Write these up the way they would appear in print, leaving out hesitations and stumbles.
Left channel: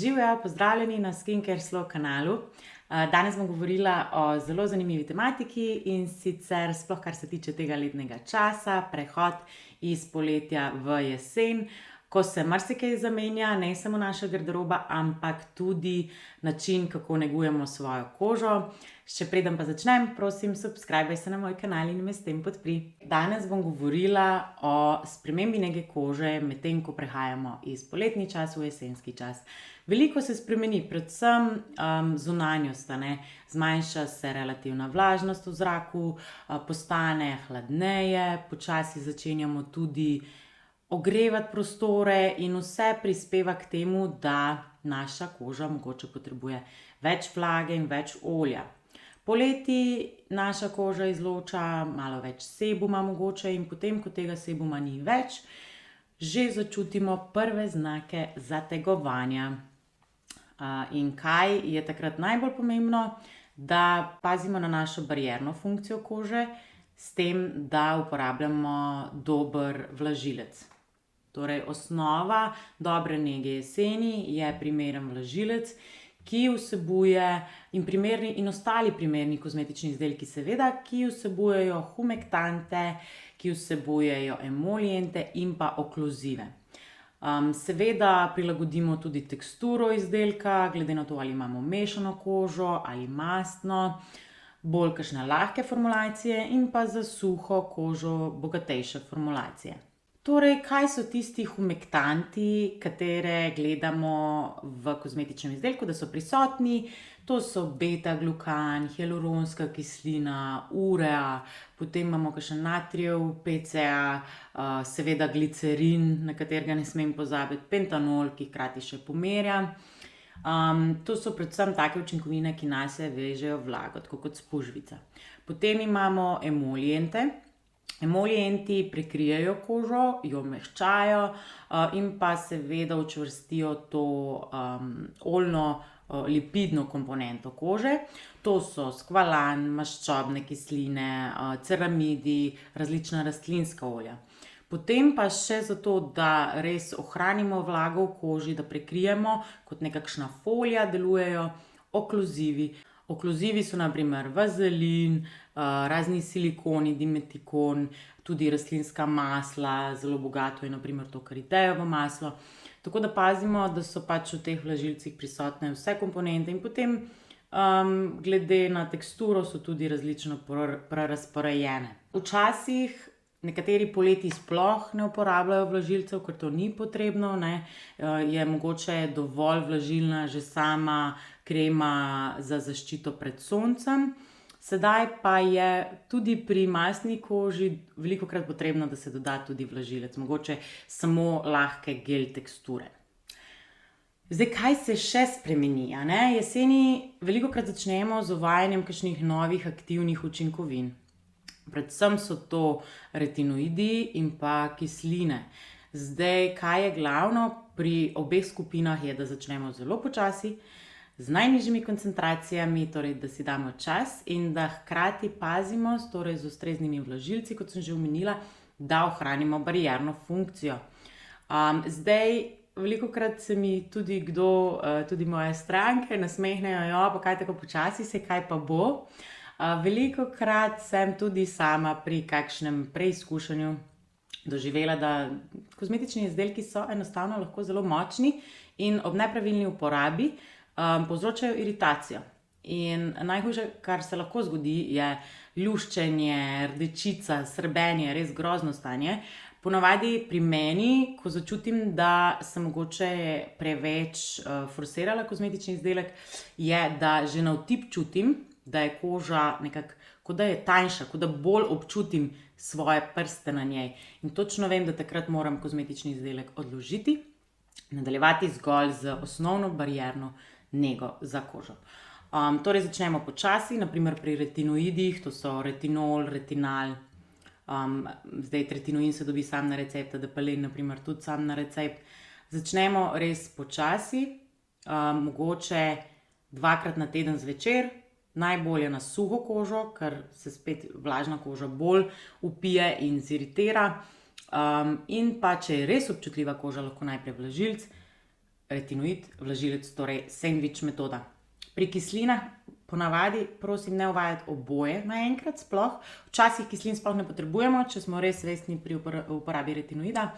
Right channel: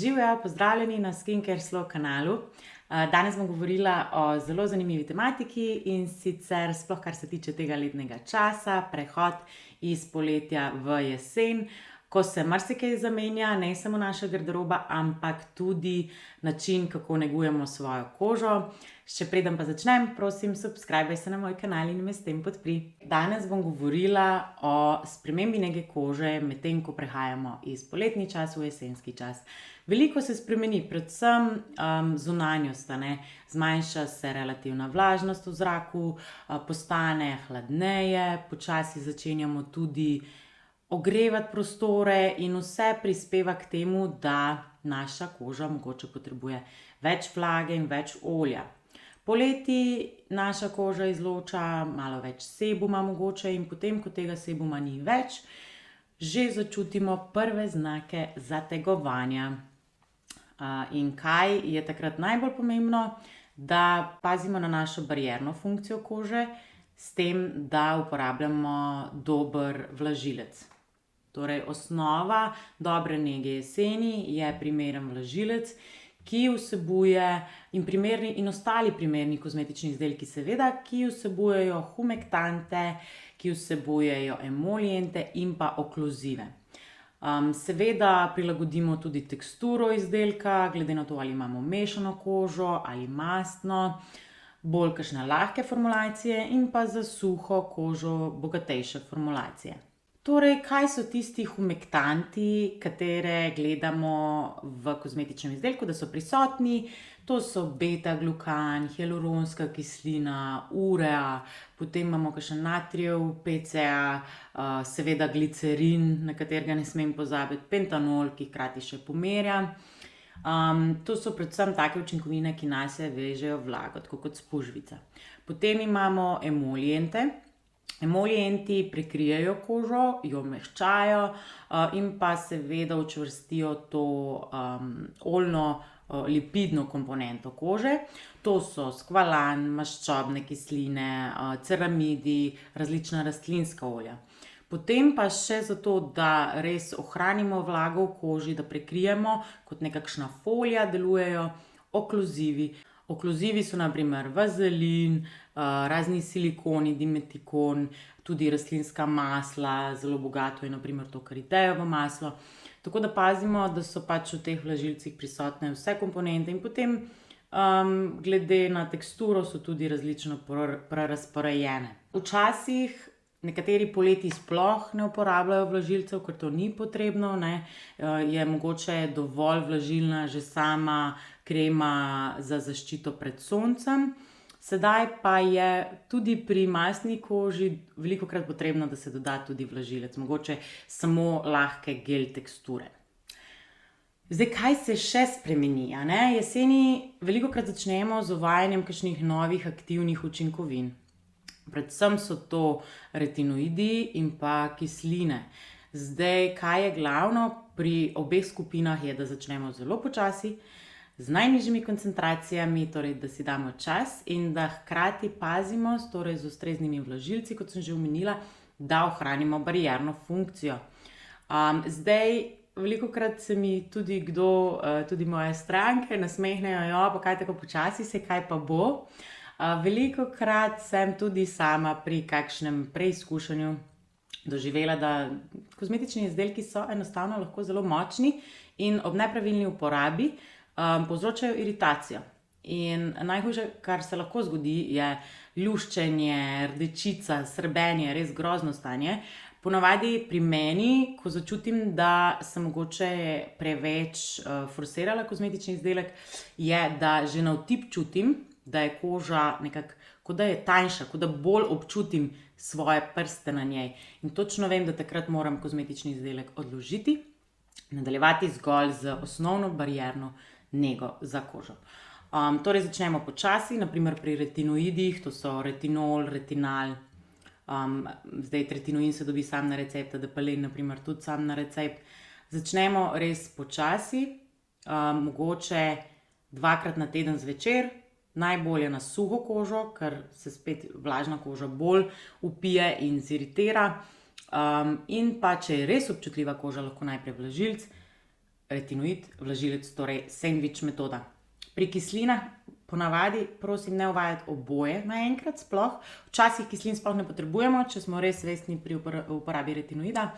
Živjo, pozdravljeni na Skincare Slow kanalu. Danes bom govorila o zelo zanimivi tematiki in sicer sploh kar se tiče tega letnega časa, prehod iz poletja v jesen, ko se marsikaj zamenja, ne samo naša garderoba, ampak tudi način, kako negujemo svojo kožo. Še preden pa začnem, prosim, subscribaj se na moj kanal in me s tem podpri. Danes bom govorila o spremembi nege kože, medtem ko prehajamo iz poletni čas v jesenski čas. Veliko se spremeni, predvsem zunanjost, zmanjša se relativna vlažnost v zraku, postane hladneje, počasi začenjamo tudi ogrevati prostore in vse prispeva k temu, da naša koža mogoče potrebuje več vlage in več olja. Poleti naša koža izloča malo več sebuma mogoče in potem, ko tega sebuma ni več, že začutimo prve znake zategovanja. In kaj je takrat najbolj pomembno? Da pazimo na našo barierno funkcijo kože, s tem, da uporabljamo dober vlažilec. Torej, osnova dobre nege jeseni je primeren vlažilec, ki vsebuje in ostali primerni kozmetični izdelki, seveda, ki vsebujejo humektante, ki vsebujejo emolijente in pa okluzive. Seveda prilagodimo tudi teksturo izdelka, glede na to, ali imamo mešano kožo ali mastno, bolj kakšne lahke formulacije in pa za suho kožo bogatejše formulacije. Torej, kaj so tisti humektanti, katere gledamo v kozmetičnem izdelku, da so prisotni? To so beta-glukan, hialuronska kislina, urea, potem imamo kakšen natrijev PCA, seveda glicerin, na katerega ne smem pozabiti, pentanol, ki hkrati še pomerja. To so predvsem take učinkovine, ki nase vežejo vlago, tako kot spužvica. Potem imamo emolijente. Emolijenti prekrijejo kožo, jo mehčajo in pa seveda učvrstijo to oljno lipidno komponento kože. To so skvalan, maščobne kisline, ceramidi, različna rastlinska olja. Potem pa še zato, da res ohranimo vlago v koži, da prekrijemo kot nekakšna folija, delujejo okluzivi. Okluzivi so na primer vazelin, razni silikoni, dimetikon, tudi rastlinska masla, zelo bogato je na primer to karitejevo maslo. Tako da pazimo, da so pač v teh vlažilcih prisotne vse komponente in potem glede na teksturo so tudi različno prerazporejene. Včasih nekateri poleti sploh ne uporabljajo vlažilcev, ker to ni potrebno, je mogoče dovolj vlažilna že sama krema za zaščito pred soncem. Sedaj pa je tudi pri mastni koži velikokrat potrebno, da se doda tudi vlažilec, mogoče samo lahke gel teksture. Zdaj, kaj se še spremeni? Jeseni velikokrat začnemo z uvajanjem kakšnih novih aktivnih učinkovin. Predvsem so to retinoidi in pa kisline. Zdaj, kaj je glavno pri obeh skupinah, je, da začnemo zelo počasi, z najnižjimi koncentracijami, torej da si damo čas in da hkrati pazimo, torej z ustreznimi vlažilci, kot sem že omenila, da ohranimo barierno funkcijo. Zdaj, velikokrat se mi tudi tudi moje stranke nasmehnejo, pa kaj tako počasi, se kaj pa bo. Velikokrat sem tudi sama pri kakšnem preizkušanju doživela, da kozmetični izdelki so enostavno lahko zelo močni in ob nepravilni uporabi povzročajo iritacijo. In najhujše, kar se lahko zgodi, je luščenje, rdečica, srbenje, res grozno stanje. Ponavadi pri meni, ko začutim, da sem mogoče preveč forsirala kozmetični izdelek, je, da že na otip čutim, da je koža nekako, kot da je tanjša, kot da bolj občutim svoje prste na njej. In točno vem, da takrat moram kozmetični izdelek odložiti, nadaljevati zgolj z osnovno barierno nego za kožo. Torej začnemo počasi, naprimer pri retinoidih, to so retinol, retinal, zdaj retinoin se dobi sam na recept, Adepalen naprimer tudi sam na recept. Začnemo res počasi, mogoče 2-krat na teden zvečer, najbolje na suho kožo, ker se spet vlažna koža bolj vpije in ziritira. In pa, če je res občutljiva koža, lahko najprej vlažilec, retinoid, vlažilec, torej sandvič metoda. Pri kislinah ponavadi prosim ne uvajati oboje naenkrat sploh. Včasih kislin sploh ne potrebujemo, če smo res resni pri uporabi retinoida.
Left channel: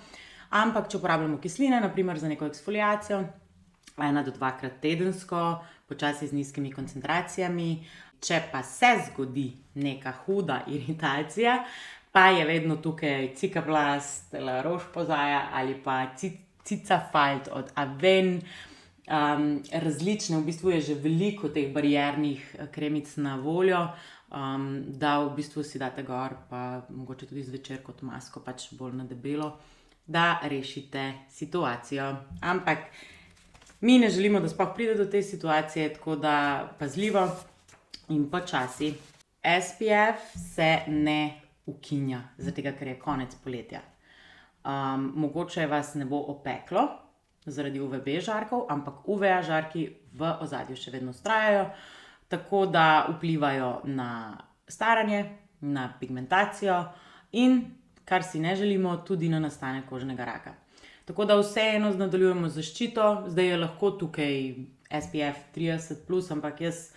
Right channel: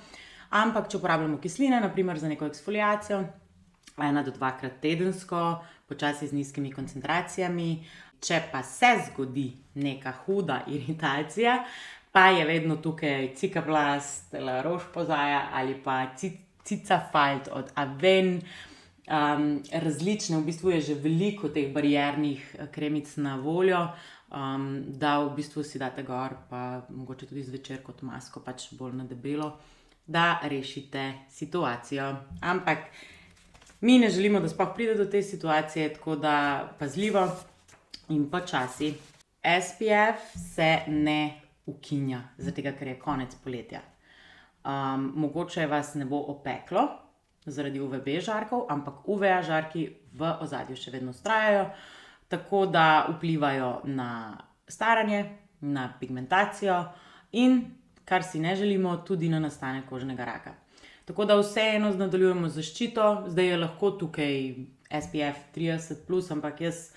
Ampak če uporabljamo kisline, naprimer za neko eksfoliacijo, 1 do 2-krat tedensko, počasi z nizkimi koncentracijami. Če pa se zgodi neka huda iritacija, pa je vedno tukaj Cicaplast, La Roche-Posay ali pa Cicafalt od Aven. Različne, v bistvu je že veliko teh bariernih kremic na voljo, da v bistvu si date gor, pa mogoče tudi zvečer kot masko, pač bolj na debelo, da rešite situacijo. Ampak mi ne želimo, da sploh pride do te situacije, tako da pazljivo in počasi. SPF se ne ukinja, zato ker je konec poletja. Mogoče vas ne bo opeklo zaradi UVB žarkov, ampak UVA žarki v ozadju še vedno vztrajajo, tako da vplivajo na staranje, na pigmentacijo in, kar si ne želimo, tudi na nastanek kožnega raka. Tako da vseeno nadaljujemo zaščito, zdaj je lahko tukaj SPF 30+, ampak jaz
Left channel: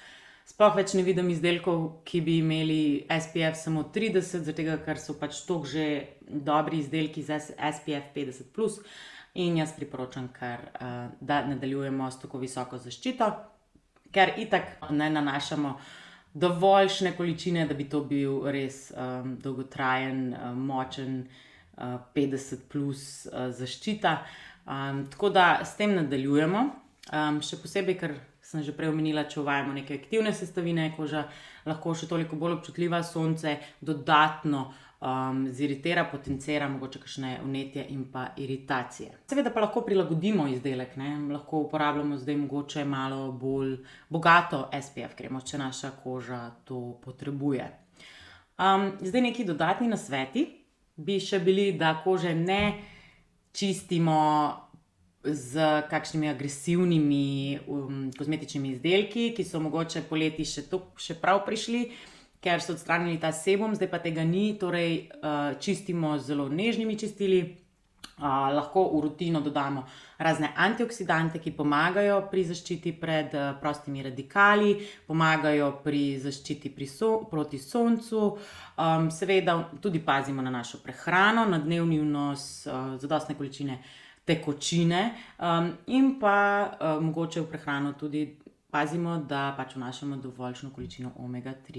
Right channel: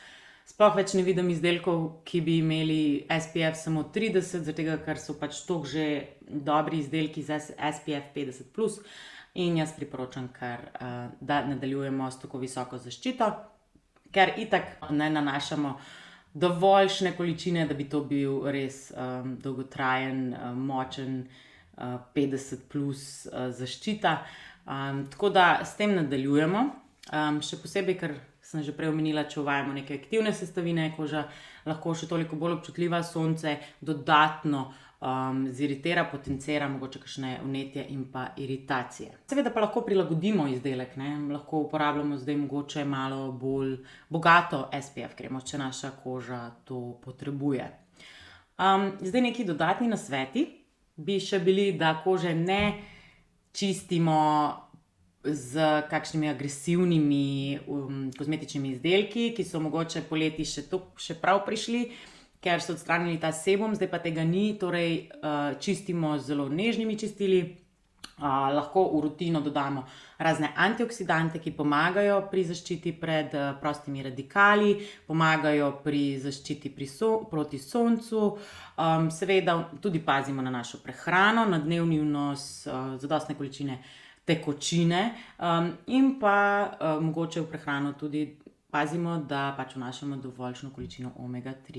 sploh več ne vidim izdelkov, ki bi imeli SPF samo 30, zato ker so pač toliko že dobri izdelki za SPF 50+, in jaz priporočam kar, da nadaljujemo s tako visoko zaščito, ker itak ne nanašamo dovoljšne količine, da bi to bil res dolgotrajen, močen 50+ zaščita. Tako da s tem nadaljujemo. Še posebej, ker sem že prej omenila, če uvajamo neke aktivne sestavine, koža lahko še toliko bolj občutljiva, sonce dodatno ziritira, potencira mogoče kakšne vnetje in pa iritacije. Seveda pa lahko prilagodimo izdelek, ne? Lahko uporabljamo zdaj mogoče malo bolj bogato SPF kremo, če naša koža to potrebuje. Zdaj neki dodatni nasveti bi še bili, da kože ne čistimo z kakšnimi agresivnimi kozmetičnimi izdelki, ki so mogoče poleti še prav prišli, ker so odstranili ta sebum, zdaj pa tega ni, torej čistimo z zelo nežnimi čistili. Lahko v rutino dodamo razne antioksidanti, ki pomagajo pri zaščiti pred prostimi radikali, pomagajo pri zaščiti proti soncu. Seveda tudi pazimo na našo prehrano, na dnevni vnos zadostne količine tekočine in pa mogoče prehrano tudi pazimo, da pač vnašamo dovoljšno količino omega-3.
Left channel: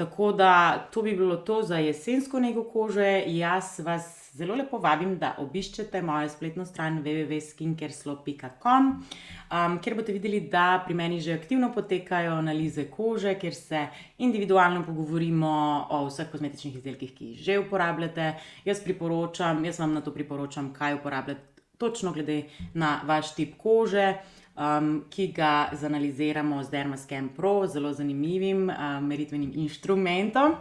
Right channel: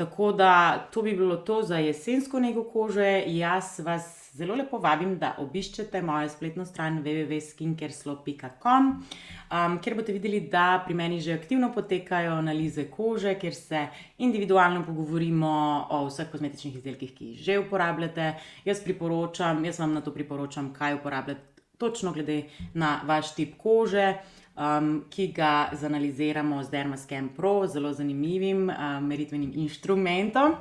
Tako da to bi bilo to za jesensko nego kože. Jaz vas zelo lepo vabim, da obiščete mojo spletno stran www.skincareslo.com, kjer boste videli, da pri meni že aktivno potekajo analize kože, kjer se individualno pogovorimo o vseh kozmetičnih izdelkih, ki jih že uporabljate. Jaz vam to priporočam, kaj uporabljati točno glede na vaš tip kože, ki ga zanaliziramo z Dermascan Pro, zelo zanimivim meritvenim inštrumentom.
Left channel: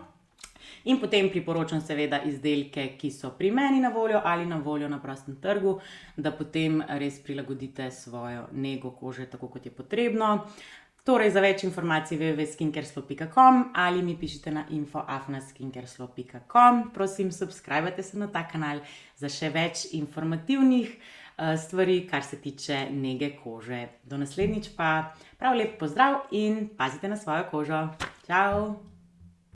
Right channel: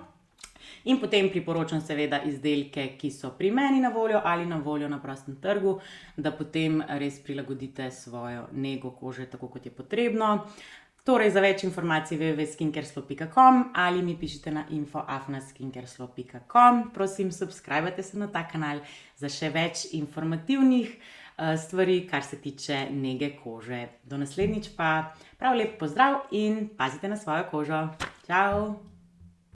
In potem priporočam seveda izdelke, ki so pri meni na voljo ali na voljo na prostem trgu, da potem res prilagodite svojo nego kože tako, kot je potrebno. Torej, za več informacij www.skincareslo.com ali mi pišite na info@skincareslo.com. Prosim, subscribajte se na ta kanal za še več informativnih stvari, kar se tiče nege kože. Do naslednjič pa prav lep pozdrav in pazite na svojo kožo. Čau!